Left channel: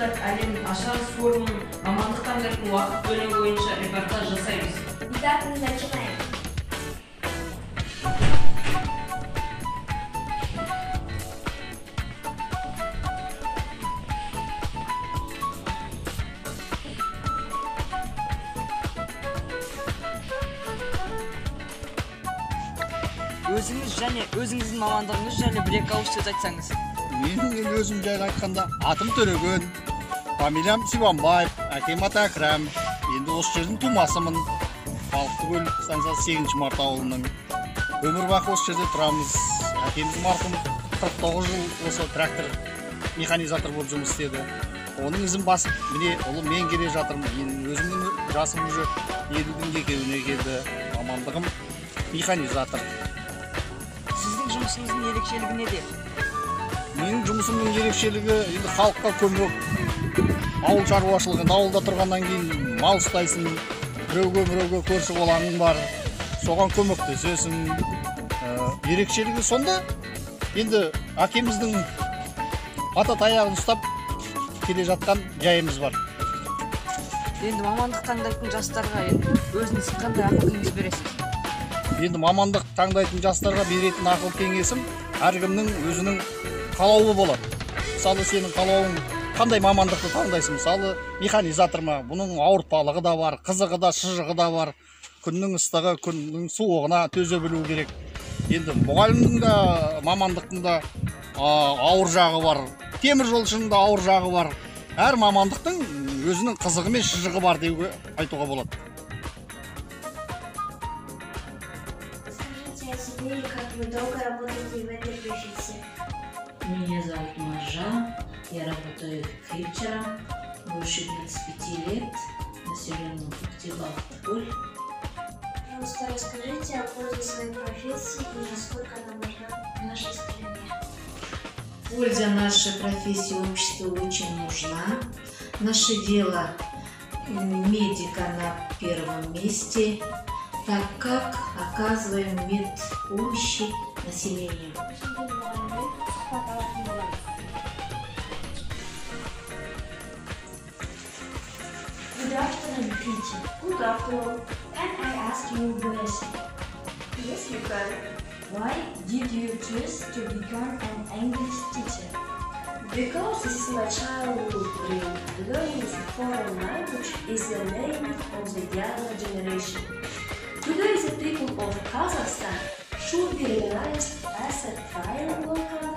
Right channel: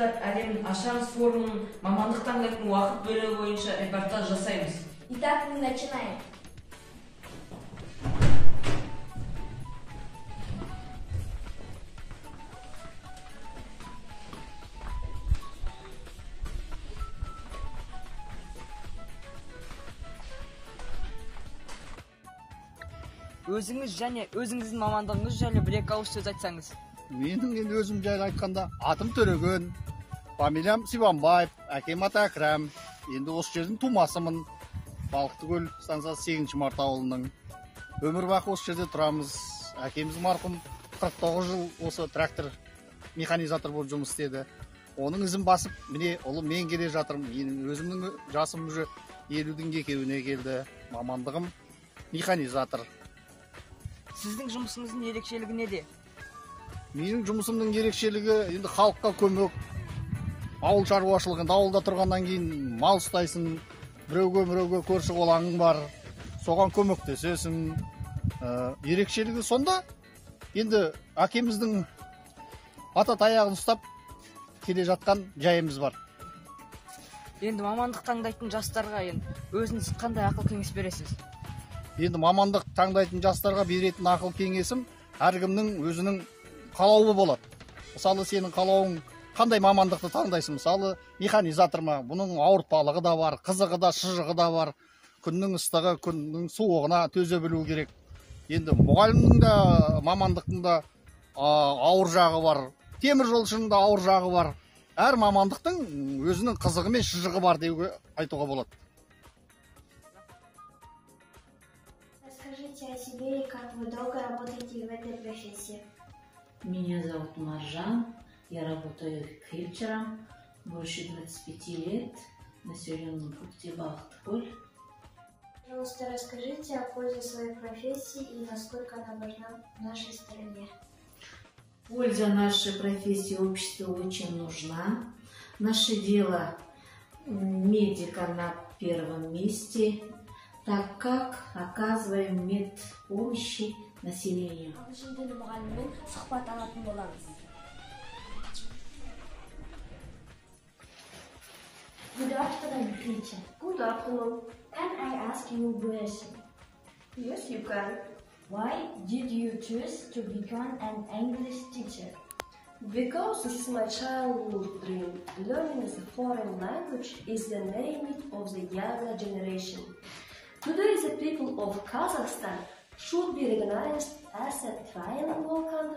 баштап әлем ашарыс форумын мамандық таңдайтын уақыт бөлігі бойынша репортаж жасаймыз. Итак, мы начинаем. Өзіңіз және өзіңіздің мамандығыңыз жайлы бір-екі ауыз сөз айтсаңыз. Менің өзім жайлы айтқанда, атым Төреген, фамилиям Сибанбаев, әкем аты Әкрәм. Енді осы жердің тумасымын. Балықтыкөл станциясы 8 март ауылының. Өмір бақи осы жерде тұрамыз. Әкеміз марқұм 49 жыл осы трактор механизатор болып жұмыс істеді. Оның ізін басып, міне ұлы мен келе жатырмын. Өзімнің жасым уже 50-дің екеуіне келді. Мамандығым механизатор. Сіздің жұмысыңыздың ерекшелігі неде? Менің жұмысымның ерекшелігі енді халыққа көмек. Ауыл шаруашылығында ауылда тұрғаннан кейін мал ұстайсың, біреуге көрші болағың бар, соған көмектесесің. Ерекшелігі сонда, енді әкеміздің ата таяғын ұстап келе жатқан жайымыз бар. Енді мамандық таңдайтын жастарға өзіңіз қандай ақыл кеңес бересіз? Енді мамандық таңдайтын жастарға беретін ақыл кеңесім әркімнің өзінің қалауы болады. Мысалы, сенің қалауың қандай мамандықты таңдайсың? Мысалы, механизатор ма? Бұның ауыртпалығы да бар, қызығы да, шыжығы да бар. Күннің ыстығы, күннің суығына төзе білу керек. Енді мұғалімнің де мамандықтың да ауыр жағы бар. Темір жолшының да ауыр жағы бар. Әр мамандықтың өзінің қызығы мен шыжығы бар деуге айтуға болады. Скажите о себе и как вы долго работаете в этой профессии? Меня зовут Маржан, я работаю фельдшером больше 25 лет в населенном пункте Балықтыкөл. Пожалуйста, расскажите о пользе своей профессии и насколько она важна в нашей стране. Польза нашей профессии обществу очень нужна. Наше дело медика на первом месте, так как оказываем медпомощи населению. Good afternoon, teacher. Good afternoon. Can I ask you a question? Yes, you can. Why did you choose to become an English teacher? Because this is my childhood dream. Learning a foreign language is the aim of the younger generation. Today, the people of Kazakhstan should be recognized as a trilingual country.